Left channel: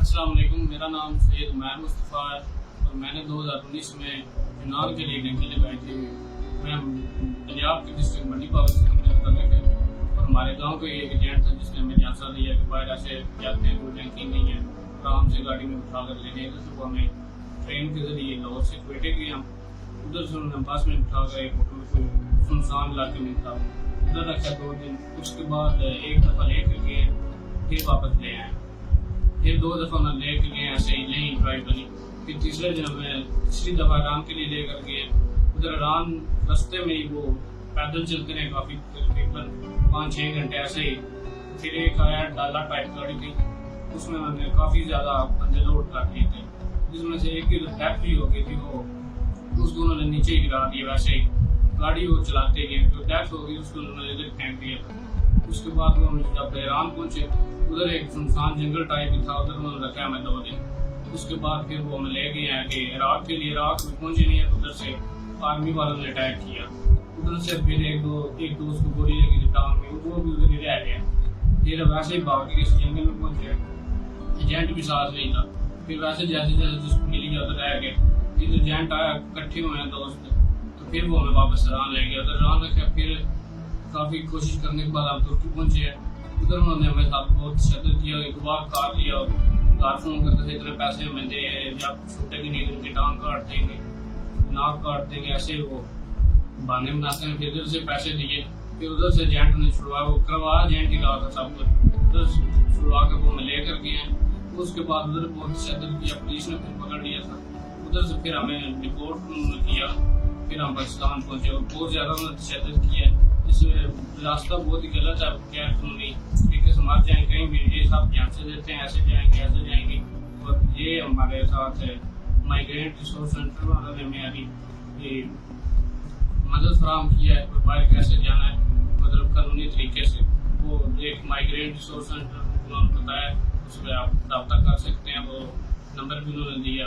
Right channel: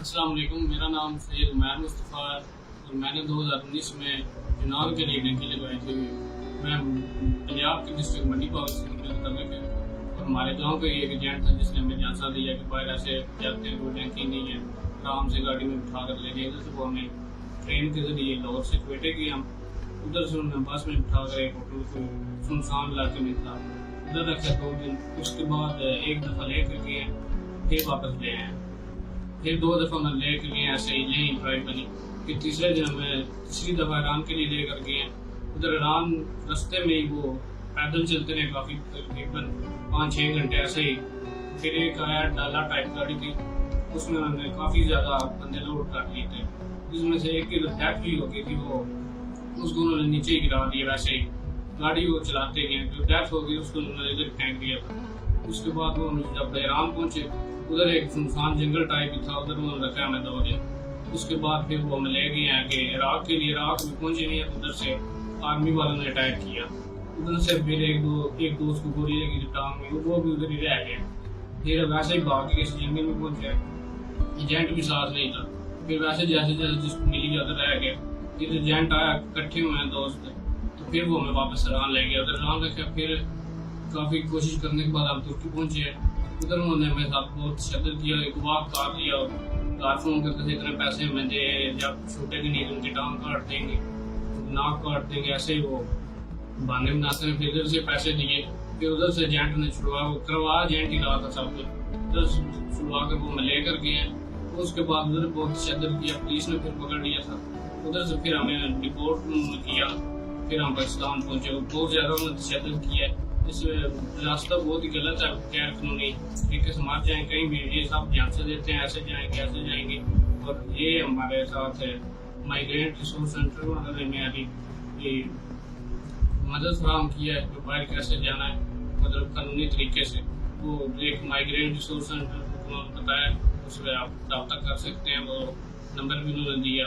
अस्सलाम वालेकुम। मेरा नाम सैयद उमैर मुस्तफ़ा है और मैंने 2019 में चुनाव के लिए ड्यूटी लगाई थी। मैं पंजाब की डिस्ट्रिक्ट मंडी पावर से करने थे और हमारे गांव का एक एजेंट था जिसने हमें जांचा दिया कि बाहर ऐसे जाते हैं, कोई टैंकिंग नहीं है, आराम से गाड़ी में उठा कर ले गए थे। वो हमें ट्रेन के जरिए लाहौर से क्वेटे गए, हम उधर से उन्होंने बस में उठा कर सुनसान इलाके में था, उधर रखा 2 दिन। उसके बाद एक दफ़ा ले कर गए, फिर वापस ले आए, फिर 2 दफ़ा मैं ले के गए, ऐसे ही नहीं ट्राई करी। फिर तीसरे दिन मैं तीसरी दफ़ा ईरान के लिए ले कर गए। उधर ईरान रास्ते में ही वो पैदल चलते रहे काफ़ी, तकरीबन 5-6 घंटे ऐसे ही। फिर एक आया डाला टाइप गाड़ी थी, उसमें हमने काफ़ी ज़्यादा बंदे लोड कर लिए थे, जिसमें से एक की डेथ भी हो गई थी। वो उसको उन्होंने नीचे ही गिरा दिया, वैसे ही गाड़ी वो चलाते गए, जो डेथ हो गई उसको उन्होंने इधर फेंक दिया था। उसके बाद वो जब ईरान पहुंचे, उधर एक सुनसान जंगल टाइप भी था, उधर उन्होंने रखा हमें 2 दिन। उसके बाद फिर वो हमें ले गए हैं कि इराक के लिए। इराक में पहुंचे नहीं है, उधर से आर्मी वालों ने अटैक किया। उधर से फिर एक दोस्त को गोली लगी टांग में, वो भी उधर ही रह गया। फिर वैसे ही भाग के इस जंगल में पहुंचे, एजेंट भी साथ नहीं था। फिर वैसे जैसे जैसे जिसको मिली उधर रह गए। फिर एजेंट आया, इकट्ठे हुए हैं दोस्त, तो फिर वो हमें वापस ईरान ले गया। उधर ईरान रखा, फिर काफ़ी कोशिश करने के बाद आप तुर्की पहुंचे हैं। उधर उन्होंने हमें साथ बहुत शदत किया, एक वाक काट दिया, कार फोन करते थे इतने पैसे हमें दे, जब छूटेंगे नहीं तो उनकी टांग काट देंगे, नाक काट देंगे, ऐसे ही वो बहाने बनाते हैं। फिर इधर से पैसे दिए, फिर उधर से एजेंट ने छुड़वा, वो करवा एजेंट ही रहा था सब कुछ, उधर छुड़वा कर वो हमें ले कर गए हैं। उसके बाद उधर बहुत शदत किया, पुलिस ने फिर पकड़ लिया था। उधर से फिर हमें डिपोर्ट किया, फिर हम पाकिस्तान पहुंचे। बहुत ज़्यादा उन्होंने तशद्दुद किया है, इस रास्ता बहुत ही गलत है, क्या कानूनी तरीके से मार जाए कहीं भी, ये सब ध्यान से देते हैं, ऐसे जाएंगे। और ये हमारे साथ है माइग्रेंट रिसोर्स सेंटर वालों ने मेरी ये मदद फराहम किया है कि बाहर कैसे जाना है, मतलब कानूनी तरीके से। वो एक माइग्रेंट रिसोर्स सेंटर बताया, उसमें आप रब्ता कर सकते हैं, वो नंबर भी उन्होंने दिया।